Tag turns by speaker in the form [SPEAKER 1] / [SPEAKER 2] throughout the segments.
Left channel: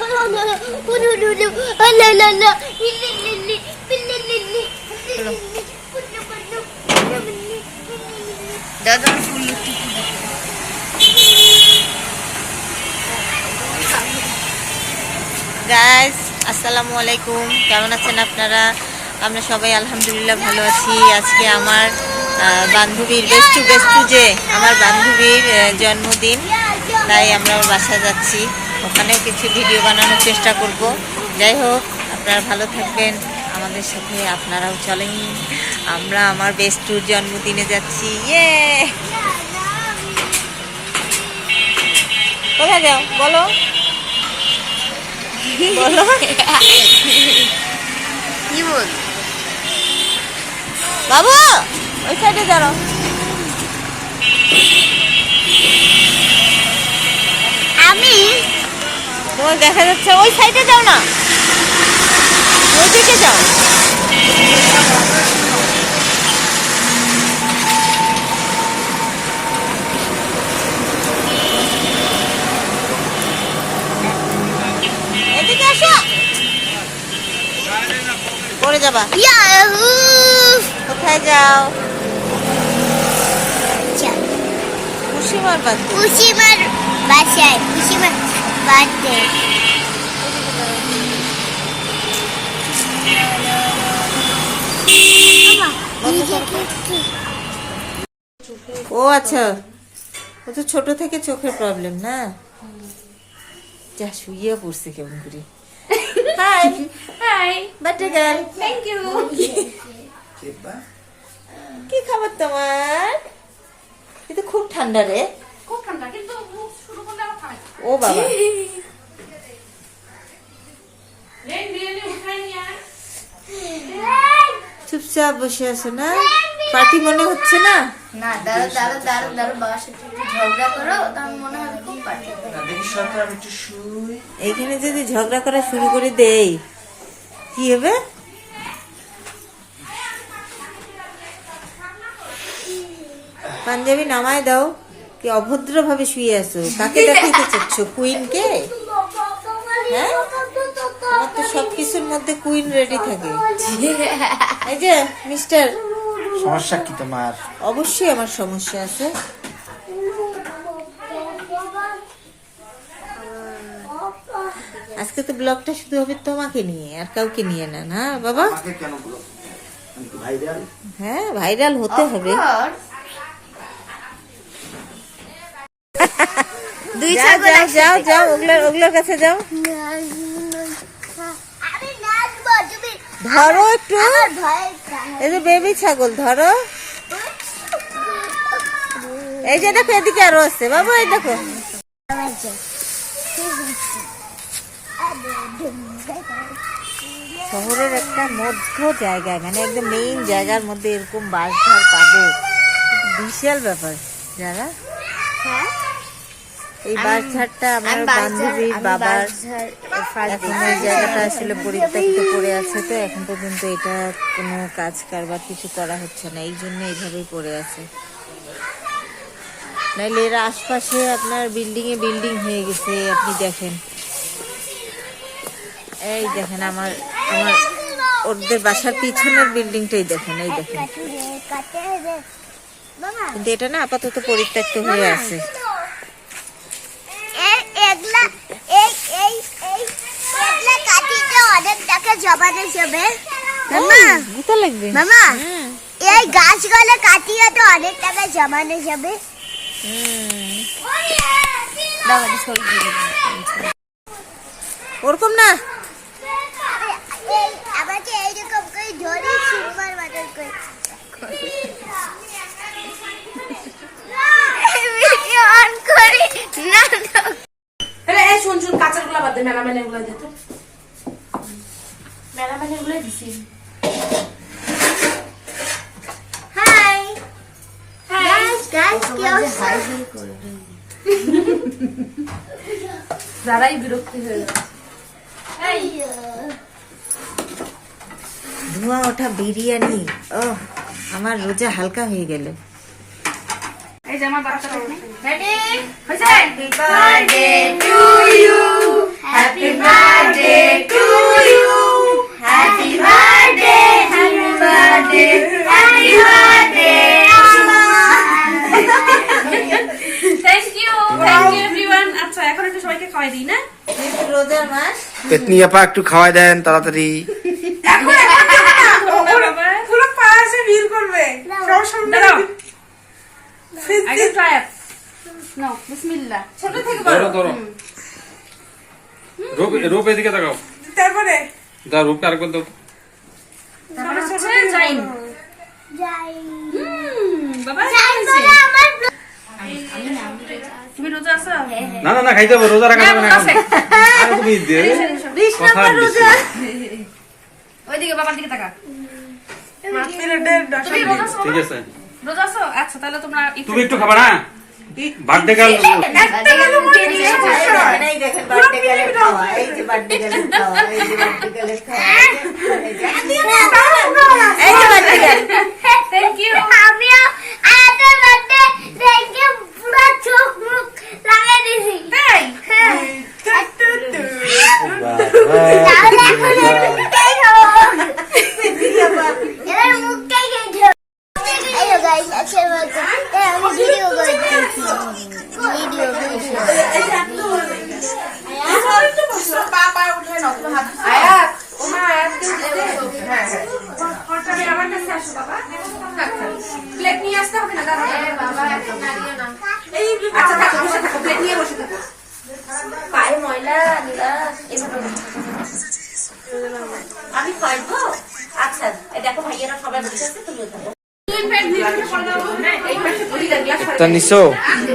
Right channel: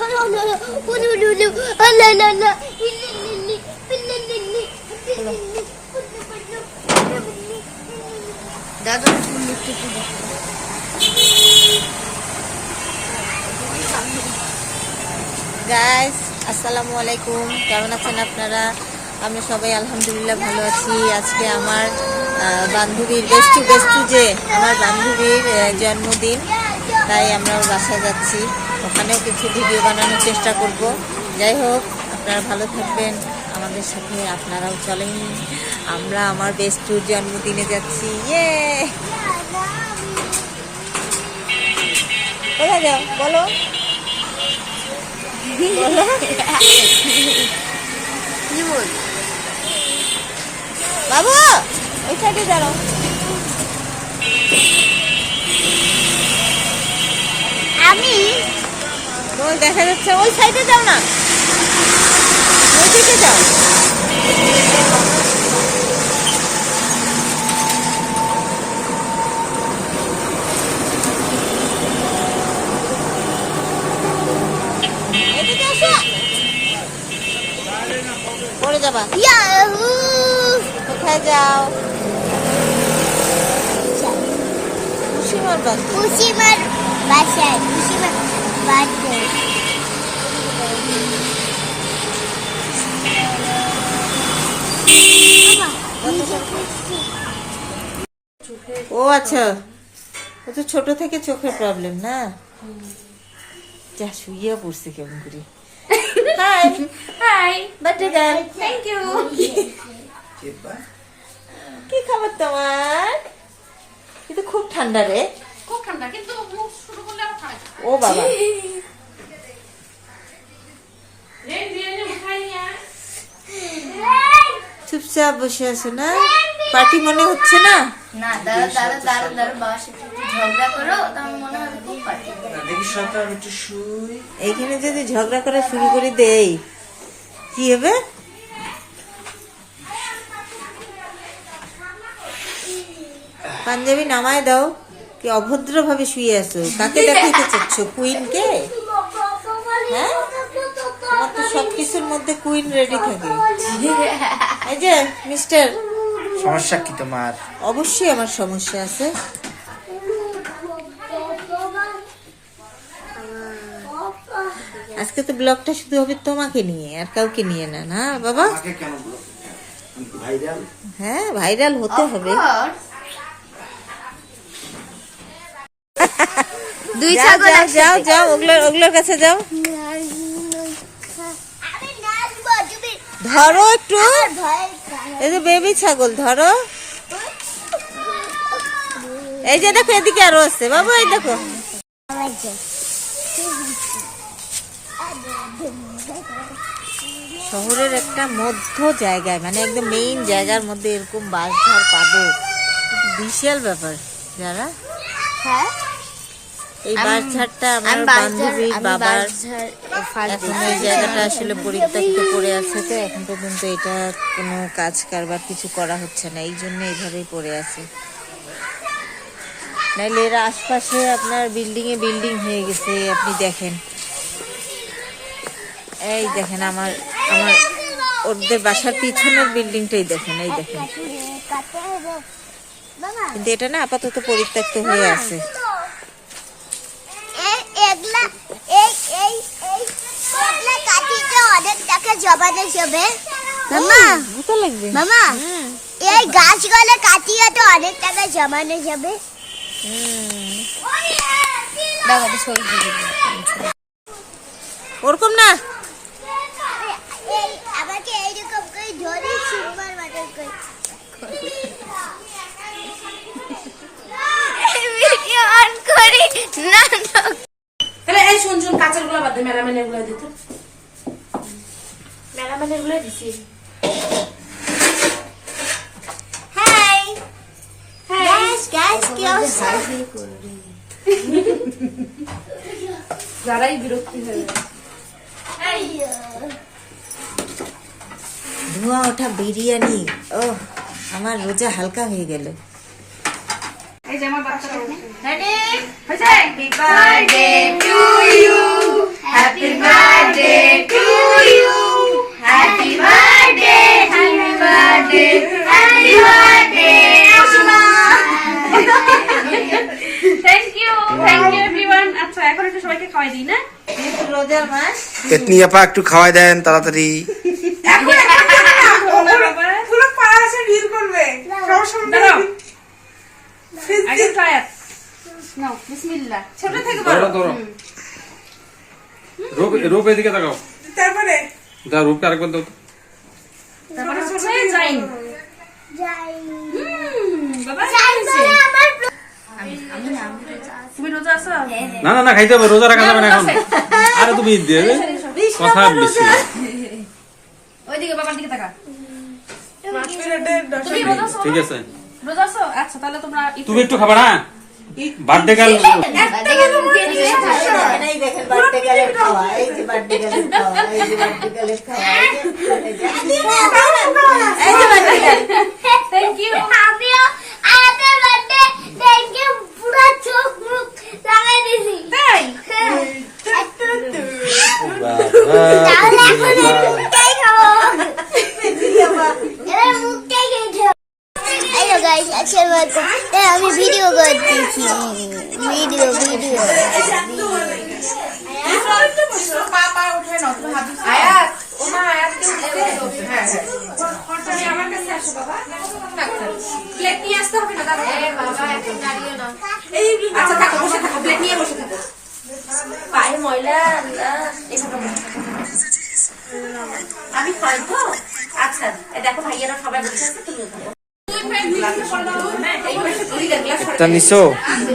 [SPEAKER 1] একটু গাইস আসসালামু আলাইকুম। কেমন আছেন আপনারা? আমরা সবাই আলহামদুলিল্লাহ ভালো আছি। আজকে আমার বান্ধবীর বেস্টু বেস্টু যে আমার বান্ধবীর জন্মদিন, তাই আমরা বাসায় যাচ্ছি। ওখানেও কিছু ভিডিও বানানোর চেষ্টা করব। যাই হোক, আপনারা ভালো থাকবেন। আমাদের সাথে আপনারাও চলেন। আমরা আমার বেস্টুর জন্মদিনে যাচ্ছি। ইয়ে কোথায় যাও? বলো। বলো।
[SPEAKER 2] কি বল?
[SPEAKER 1] বাবু, ওই সাইডে দাঁড়াও
[SPEAKER 2] আমি
[SPEAKER 1] তোমার দেখা যাচ্ছে ওই সাইডে যাও না। ওই দিকে যাও। পড়ে যাবা। কোথায় যাও? খুশিমার বাদ
[SPEAKER 2] কুসিমার বাসায় কুসিমার বার্থডে
[SPEAKER 1] ও আচ্ছা। ও তো ছোট থেকে চোখের প্রবলেম না? যা শুইয়া পড়ছে কেমন করে। Hi
[SPEAKER 3] hi
[SPEAKER 1] birthday girl
[SPEAKER 3] thank you
[SPEAKER 1] কি খাবার তোমার? কিন্তু খুব ঠান্ডা রে।
[SPEAKER 3] খুব ঠান্ডা কিন্তু
[SPEAKER 1] ও বাবা
[SPEAKER 3] রে বিরিয়ানি উঠাই নিয়ে আয়।
[SPEAKER 1] চুপচাপ বসে আছে না? পার্টি মনে হচ্ছে না?
[SPEAKER 2] না দাঁড়া দাঁড়া দাঁড়া দাঁড়া বাবার সাথে একটু ঝগড়া করো তাহলে মনে হবে খুব পার্টি
[SPEAKER 1] এইখানে যদি ঝগড়া করা শুরু করে দেই কি হবে? পাঞ্জাবি নামায় দাও কি অভদ্র ভাবে শুয়ে আছো? কাকে দেখাইতে চাচ্ছ? কুইন কে? হ্যাঁ? সবকিছুর মধ্যে কুইন রেডি থাকে। এই যে মিস্টার
[SPEAKER 4] সমস্যা কি তোমার?
[SPEAKER 1] অবশ্যই আমার সমস্যা আছে। আজকে তো ব্লগটা শুধু হবে তোমাকে নিয়ে আর কাউকে নিয়ে না না বাবা? হ্যাঁ ভাইরাল হতে হবে। যাও যাও যাও যাও ওগুলোর ওগুলোর কাছে যাও
[SPEAKER 2] আমি নাচবো তুমি
[SPEAKER 1] ধরো একটু। এই যে বেবি ছাগল ধরো। এই যে দেখো এদিকে আরও আছে। বাবু এই দেখো। শহরের একটা মধ্য জায়গায় মানে একদম মেইন জায়গার মধ্যে এরকম বাস ধার পাবো। বিশাল ব্যাপার। যারা?
[SPEAKER 2] হ্যাঁ?
[SPEAKER 1] এই বাস ঝাড়টা আমার বান্ধবীর বাবার এখন ওই জায়গাটা আসলে পরিত্যক্ত পড়ে আছে তো এখন পর্যন্ত এটা কোনো কাজ কারবার কিছু করা হচ্ছে না এই জন্য এইভাবেই পড়ে আছে। নাইলে এর আশপাশে আপনার বিল্ডিং এ বিল্ডিং হয়ে গেছে আপনি দেখেন। এই দেখেন আমার আমার ওদের বাসার পিছনের বিল্ডিংটাই দেখেন এই দেখেন। কিন্তু এটা না আপাতত পরিত্যক্ত হয়ে আছে
[SPEAKER 2] এগুলা এই এই এই এগুলা অনেক টাকা জমানো যাবে মামা
[SPEAKER 1] লাগবে।
[SPEAKER 2] মামা এই গাছগুলো কাটিয়ে তো অনেক টাকা জমানো যাবে।
[SPEAKER 1] ওরকম না?
[SPEAKER 2] আমাকে এইরকম করে ধরে সুন্দর মতন করে। অন করি। না না।
[SPEAKER 3] তাহলে এই শুন শুন কাঁচেরগুলা বাদ দে মেলামেনেরগুলো দিত মেলামেনেরগুলো দিছি
[SPEAKER 2] হাই গাইস গাইস ক্লোজ
[SPEAKER 3] যারাই বিরক্তি হয়ে যায়
[SPEAKER 1] ধোঁয়া ওঠা বিরিয়ানি ও আমার রোজা হালকা হয়ে গেল।
[SPEAKER 3] এই যে আমার বাচ্চা রেডি হয়েছে?
[SPEAKER 2] Birthday to you! Happy birthday
[SPEAKER 3] এখন
[SPEAKER 4] তাড়াতাড়ি।
[SPEAKER 5] রোপ এদিকে
[SPEAKER 3] তারপরে
[SPEAKER 5] যা রূপটা আরেকবার দাও। তো।
[SPEAKER 3] তারপরে হচ্ছে জাইন তুমি রোজা আছো?
[SPEAKER 5] না না না খাইতে হবে রোজা রাখা
[SPEAKER 3] হ্যাঁ,
[SPEAKER 5] যাবে না
[SPEAKER 3] আছে।
[SPEAKER 5] আরে তুমি কথা বেশি
[SPEAKER 3] ওইদিকে বাবার দিকে তাকা।
[SPEAKER 5] ঠিক আছে।
[SPEAKER 3] রোজা আছো? আচ্ছা তাহলে তোমরা
[SPEAKER 5] তুমি একটু খাবা না বার্থডে গার্ল
[SPEAKER 1] এখানেই দেখেন বার্থডে গালের খাওয়া এই যে বার্থডে গালের খাওয়া এই যে বার্থডে গালের খাওয়া এই যে- এই যে- এই যে birthday girl।
[SPEAKER 3] থ্যাংক ইউ
[SPEAKER 2] আমিও আয়াতের বার্থডে দেখে পুরো চোখ মুখ লাগাই দিয়েছি
[SPEAKER 3] তাই
[SPEAKER 2] তাহলে এখন এর মুখটাই খাব এর মুখটাই খেয়েছো আইও গাইস আজকের মতো এ, আমি ভিডিও করতেছি ভিডিও ভিডিও
[SPEAKER 3] আমার কাছে আসো বাবা প্লেট নিয়ে আসতে হবে না দাদা এই আচ্ছা থাকো বসে থাকো প্লেট নিয়ে বসে থাকো পায়ে ময়লা। আমি খাই তো আচ্ছা দেখো ভাইয়ারা সবাই বসে আছে তুমিও খাব
[SPEAKER 4] একটা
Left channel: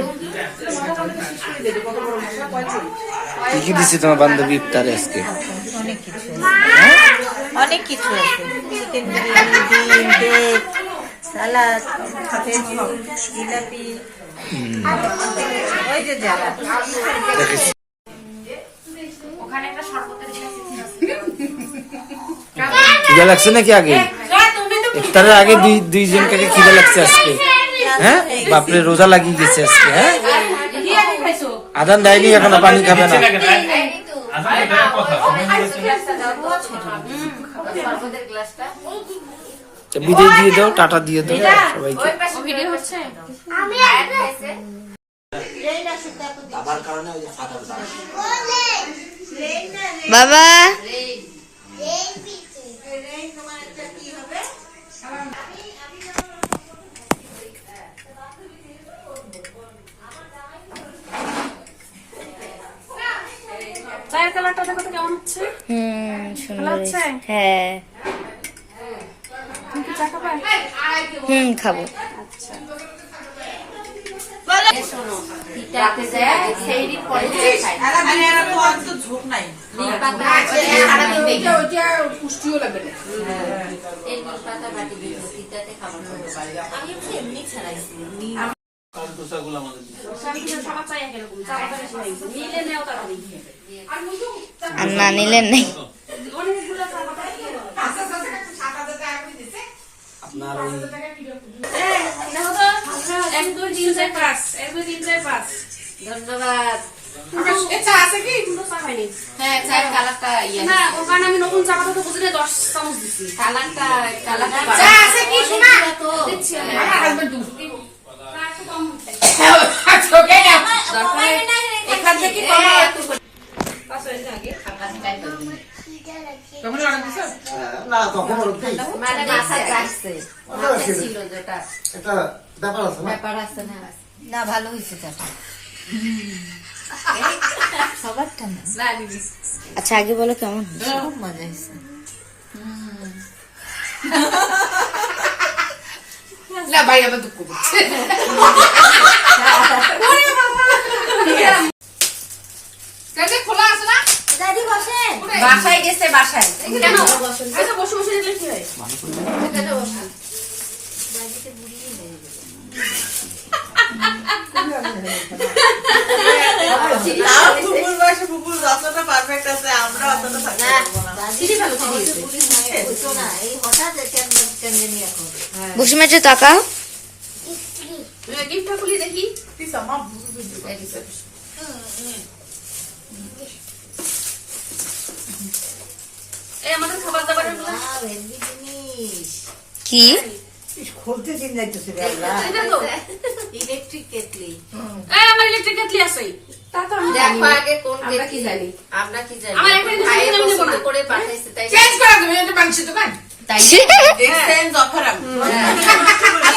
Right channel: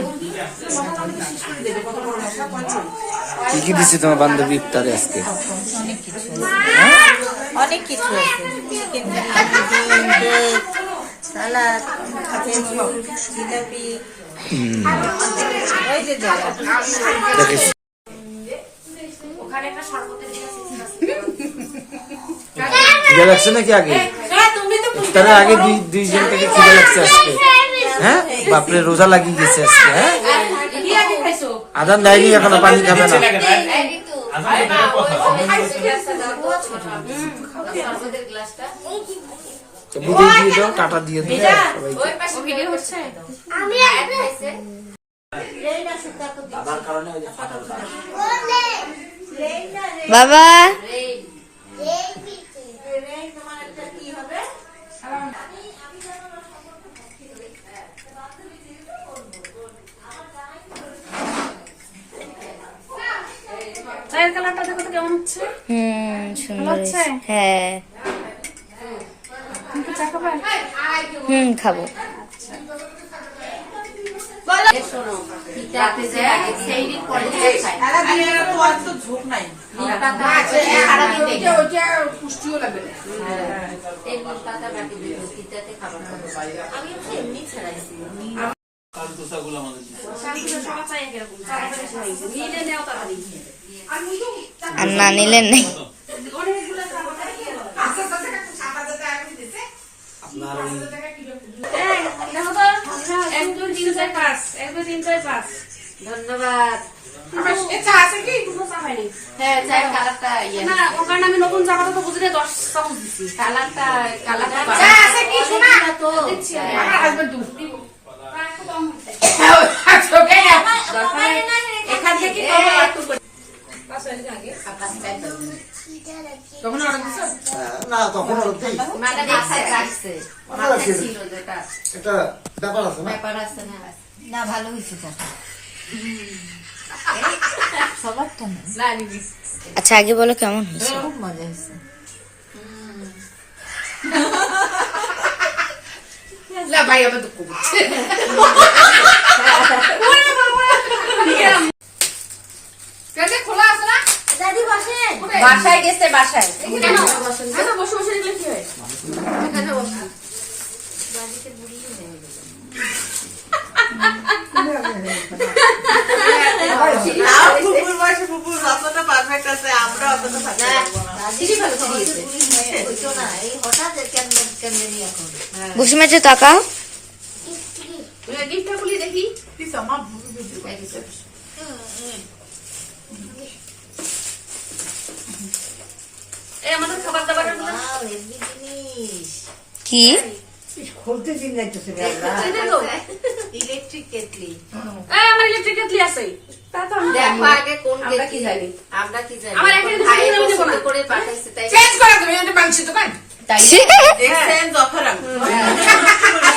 [SPEAKER 4] কি দিছে তোমার বান্ধবী ইফতারে আজকে।
[SPEAKER 1] অনেক কিছু
[SPEAKER 4] খিদে লাগছে নাকি আগে? ইফতারের আগে দুই দুইজনকে খিদে লাগছে আজকে। হ্যাঁ? বাপরে রোজা লাগিয়ে গেছে আজকে হ্যাঁ? আদান দেয়নি এখনও পানি খাবে না। বিদায় দিয়ে দাও টাটা দিয়ে দাও সবাইকে।
[SPEAKER 3] ও ভিডিও হচ্ছে।
[SPEAKER 2] আমি একটা
[SPEAKER 1] বাবা।
[SPEAKER 3] চায়ের কালারটা দেখো তো কেমন হচ্ছে?
[SPEAKER 1] হুম সুন্দর
[SPEAKER 3] হচ্ছে?
[SPEAKER 1] হ্যাঁ।
[SPEAKER 3] তুমি চা খাবে?
[SPEAKER 1] হুম খাব।
[SPEAKER 3] সবার চাই এরকম তাড়াতাড়ি খাই। নিলে নেও তাড়াতাড়ি
[SPEAKER 1] আর না নিলেন নেই। ধন্যবাদ
[SPEAKER 3] এ চা না, আছে। আমার।
[SPEAKER 6] না? ব্যাপার আছে না।
[SPEAKER 1] না ভালো হয়েছে সবারটা না। আচ্ছা আগে বলো কেমন হয়েছে? খুব মজা হয়েছে।
[SPEAKER 2] দাদি বসেন।
[SPEAKER 1] বাসায় গেছে বাসায়।
[SPEAKER 3] কেন? আচ্ছা, বসে বসে দিলে কি হয়?
[SPEAKER 1] টাকা
[SPEAKER 3] গিফটটা খুলি দেখি এই আমাদের খাবার দাবারেরগুলো
[SPEAKER 1] কি?
[SPEAKER 6] খুলতেছি না
[SPEAKER 1] ইলেকট্রিক কেটলি
[SPEAKER 3] এই আমার ইলেকট্রিক কেটলি আছে। তা তো
[SPEAKER 7] দেখো আগে কোন
[SPEAKER 3] আমরা জানি?
[SPEAKER 7] আমরা কি জানি?
[SPEAKER 3] আমার একটা আমি না।
[SPEAKER 7] পছন্দ করে পাঠাইছে তাই
[SPEAKER 3] চেঞ্জ করে দেবে এটা মাংস দোকান।
[SPEAKER 7] তাই
[SPEAKER 3] দেখছেন জফর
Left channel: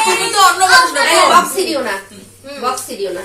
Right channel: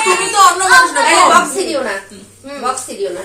[SPEAKER 7] তুমি তো অন্য বক্স সিরিও না। বক্স সিরিও না।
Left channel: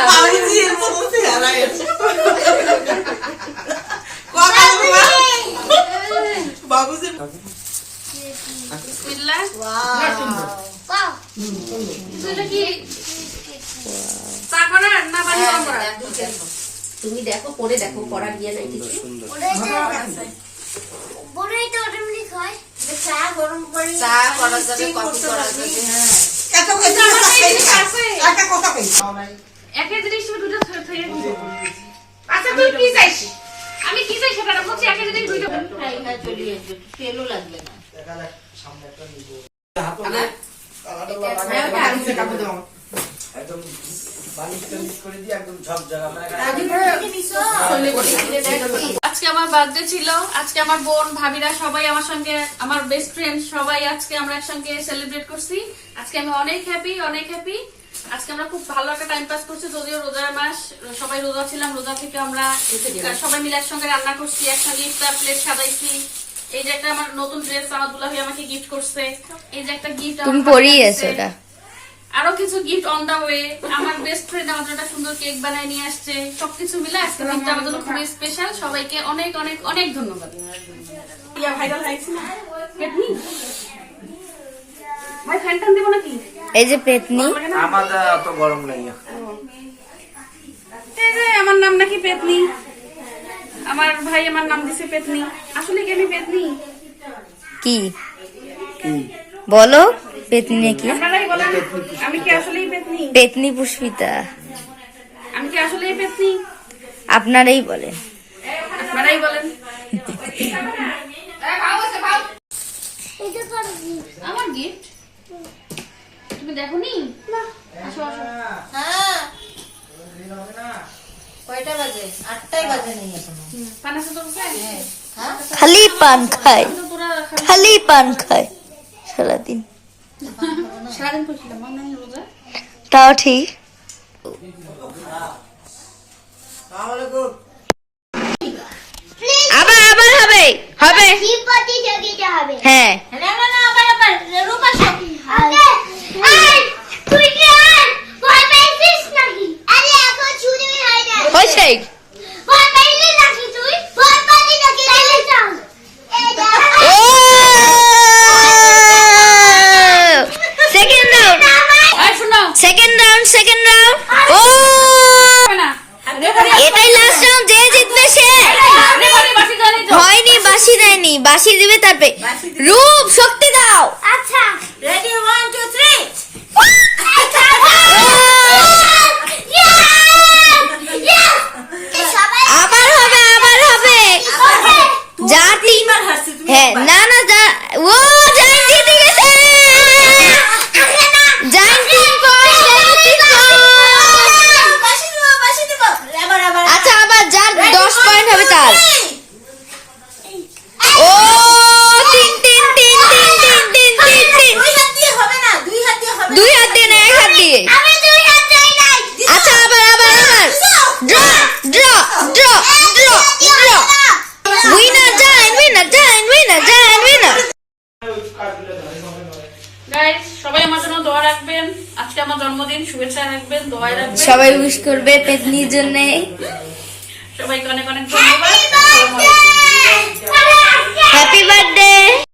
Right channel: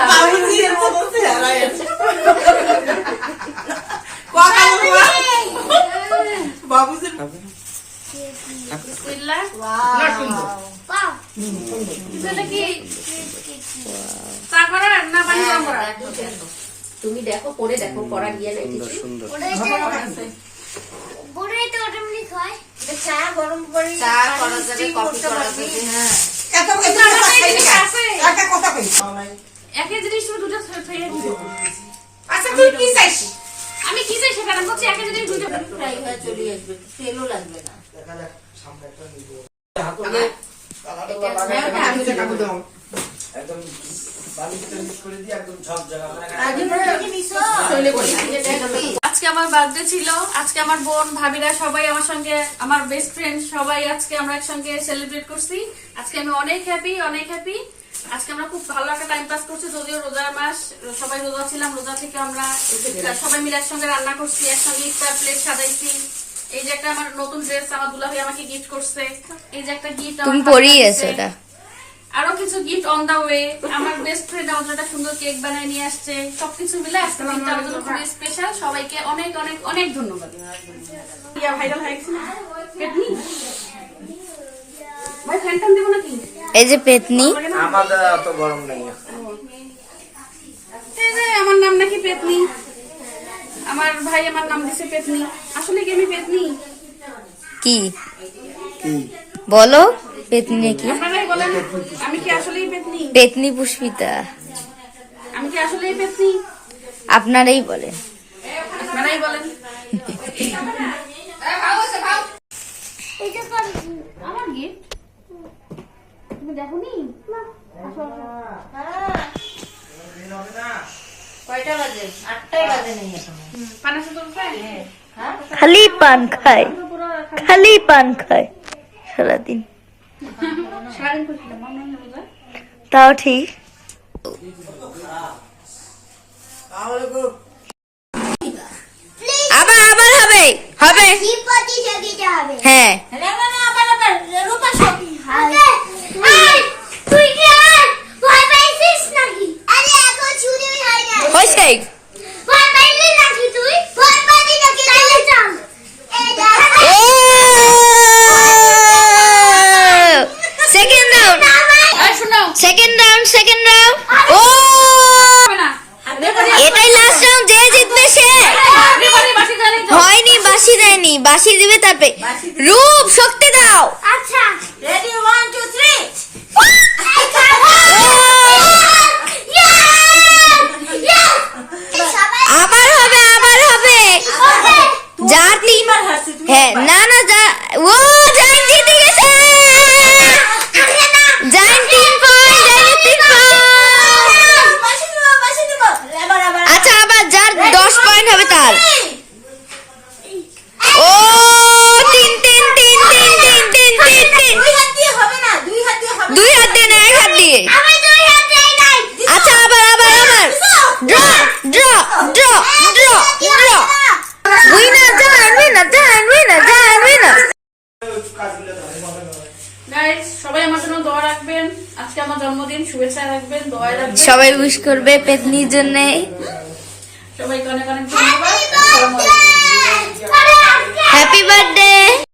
[SPEAKER 6] Pauzi el poco se hará eso. বাবুজির
[SPEAKER 3] বিসমিল্লাহ
[SPEAKER 2] ওয়াও
[SPEAKER 3] এটা কি চা
[SPEAKER 7] করা তুমি দেখো পরে দেখো
[SPEAKER 2] করা
[SPEAKER 3] গিয়ে নাই কিছু।
[SPEAKER 6] একটা কথা
[SPEAKER 3] একই জিনিস তুমি দুটো থইয়ে দিছো।
[SPEAKER 6] আচ্ছা তুই কি চাইছ?
[SPEAKER 3] আমি কি চাই সেটা বলছি একই জিনিস দুইটা
[SPEAKER 1] চলিয়ে তেলও লাগবে না।
[SPEAKER 4] একদম বালিশ টালিশ করে দিয়ে একদম
[SPEAKER 3] আজকে আমার বার্থডে ছিল। আজকে আমার বোন ভাবিরা সবাই আমার সঙ্গে আমার বেস্ট ফ্রেন্ড সবাই আজকে আমরা একসঙ্গে সেলিব্রেট করছি। আজকে আমি অনেক হ্যাপি অনেক হ্যাপি আজকে আমরা খুব ভালো একটা টাইম পাস করছি যদিও রোজার মাস সবাই রোজা ছিলাম রোজা থেকে আমরা সবাই মিলে একসঙ্গে রান্না করছি একসঙ্গে ইফতার প্লেট সাজাইছি। এই যে একটা আমার নতুন ড্রেস আমার দুলাভি আমাকে গিফট করছে। এই যে একটা গিফট
[SPEAKER 8] তুমি পরিয়েছো ওটা
[SPEAKER 3] আরও কিছু গিফট অন দা ওয়ে আমার বেস্ট ফ্রেন্ড আমাদের একটা সুন্দর কেক বানায় নিয়ে আসছে। সবকিছু মিলে আজকে দিনটা আমাদের জন্য খুবই স্পেশাল সবাইকে অনেক অনেক অনেক ধন্যবাদ। ইয়া ভাইরাল হয়েছে না পেটনি ভাই ফ্যানটান দেবো নাকি
[SPEAKER 8] এই যে পেতনি।
[SPEAKER 4] আমাদের এত গরম নেই।
[SPEAKER 3] এই যে আমার নাম নাকি পেতনি। আমার ভাই আমার নাম দিছে পেতনি। আসলে কি আমি পেতনি?
[SPEAKER 8] কি?
[SPEAKER 4] কি?
[SPEAKER 8] বলো পেতনি কি?
[SPEAKER 3] আমি কি আসলেই পেতনি?
[SPEAKER 8] পেতনি পুষ্পিতা।
[SPEAKER 3] আমি কি আসলেই পেতনি?
[SPEAKER 8] আপনারাই বলেন।
[SPEAKER 3] আপনারাই বলেন
[SPEAKER 2] এটা কোন কি?
[SPEAKER 3] আমার গিফট তুমি দেখোনি? আসো আসো।
[SPEAKER 1] হ্যাঁ। কয়টা বাজে? আটটাই বাজে নেই এখনও।
[SPEAKER 3] পানা তো
[SPEAKER 1] হ্যাঁ।
[SPEAKER 8] খালি পান খায়। খালি পান খায়। সারাদিন।
[SPEAKER 3] হয়
[SPEAKER 8] তাও ঠিক। আবার আবার হবে। হবে। হ্যাঁ
[SPEAKER 2] না না না আবার আবার রূপা সাথী হবে এই তুই কি আর ভয় পাইছিস নাকি আরে এখন চুরি হয় না
[SPEAKER 8] হয়েছে
[SPEAKER 2] ভয় পাইলি নাকি তুই ভয় পাইলি নাকি তাইলে চল এই দেখ
[SPEAKER 8] ও সেকেন্ড রাউন্ড
[SPEAKER 3] এই শুনো
[SPEAKER 8] সেকেন্ড রাউন্ড সেকেন্ড রাউন্ড ও
[SPEAKER 3] হবে না
[SPEAKER 8] এটাই লাস্ট রাউন্ড যে জিতবে সে
[SPEAKER 3] রেফারি বাসি জানি তো
[SPEAKER 8] হয়নি বাসি দেয়নি বাসি দিবে তারপরে রূপ
[SPEAKER 2] সবাই
[SPEAKER 8] উইশ করবে পেতনির জন্য।
[SPEAKER 3] সবাইকে অনেক অনেক ধন্যবাদ।
[SPEAKER 8] Happy birthday